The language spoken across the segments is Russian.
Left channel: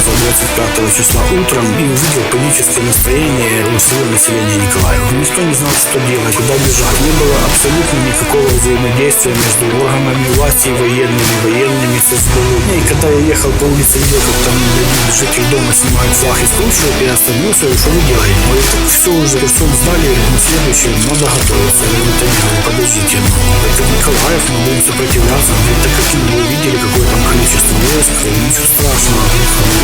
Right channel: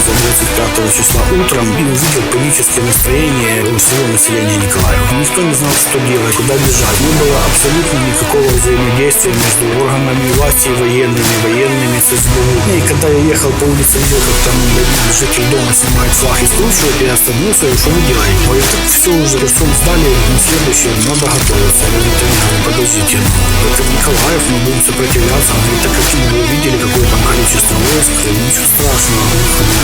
за 25 числа утром и увидел панические настроения у всего населения Николаева. Никто не знал, что делать, куда бежать. Не было абсолютно никакого взаимодействия между органами власти и военными, военными с. И когда я ехал по улице, видел, как там житель дома снимает флаг и скручивает, я остановился, говорю, что вы делаете? Говорит, так все уже, Херсон сдали, на следующее надо готовиться. Я говорю, говорю, подождите, ну, это Николаев, мы будем сопротивляться. Он говорит, так каким вы видели, какое там количество войск, ничего страшного.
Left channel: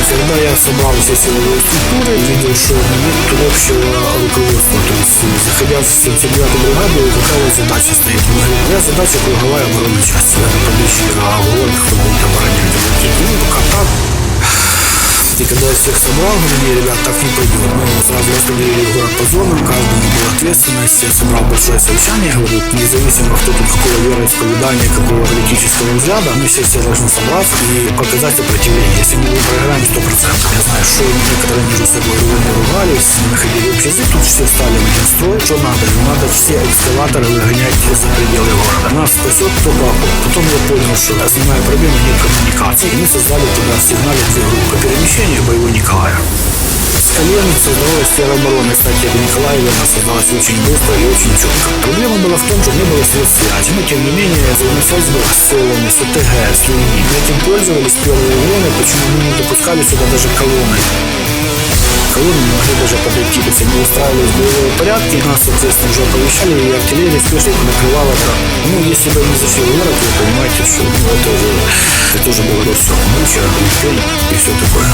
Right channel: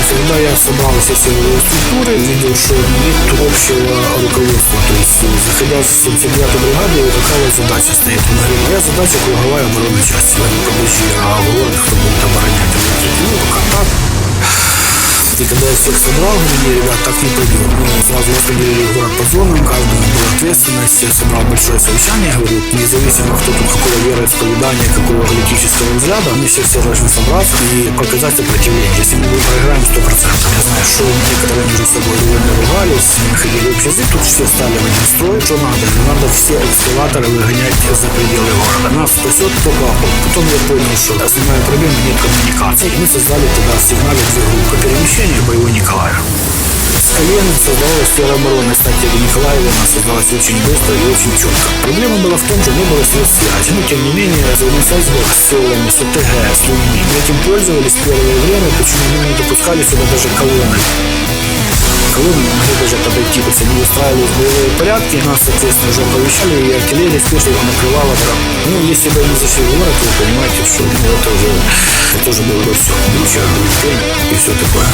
Когда я собрал все силовые структуры, видел, что нет общего руководства. То есть, заходя в 79-ю бригаду, какая задача стоит? Он говорит, моя задача круговая оборона части. Я говорю, подожди, а город кто будет оборонять? Он говорит, ну, пока так. И когда я всех собрал, говорю, не, ребят, так не пойдет. Мы сразу распределили город по зонам, каждому была ответственность. Я собрал большое совещание, говорю, независимо, кто тут какого вероисповедания, какого политического взгляда, мы все, все должны собраться и показать сопротивление. Если мы проиграем 100%. Я знаю, что некоторые между собой ругали, ругались, не находили общий язык, тут все стали в один строй. Что надо? Надо все экскаваторы выгонять за пределы города. Нас спасет только окоп. Потом я понял, что основная проблема нет коммуникации. И мы создали тогда в сигнале две группы перемещения боевой Николая. Колен создавалась тероборона. Кстати, в Николаеве она создалась очень быстро и очень четко. Проблема была в том, что не было средств связи. Но, тем не менее, связь была с селами, с ОТГ, с людьми. Этим пользовались первое время, почему не допускали сюда даже колонны колонны не могли даже подойти, то есть они устраивались боевые порядки, нас, соответственно, уже оповещали, и артиллерия спешно их накрывала. Ну, если бы они зашли в город, вы понимаете, что ну, это уже, это уже было бы все. Буча, Пень и все такое.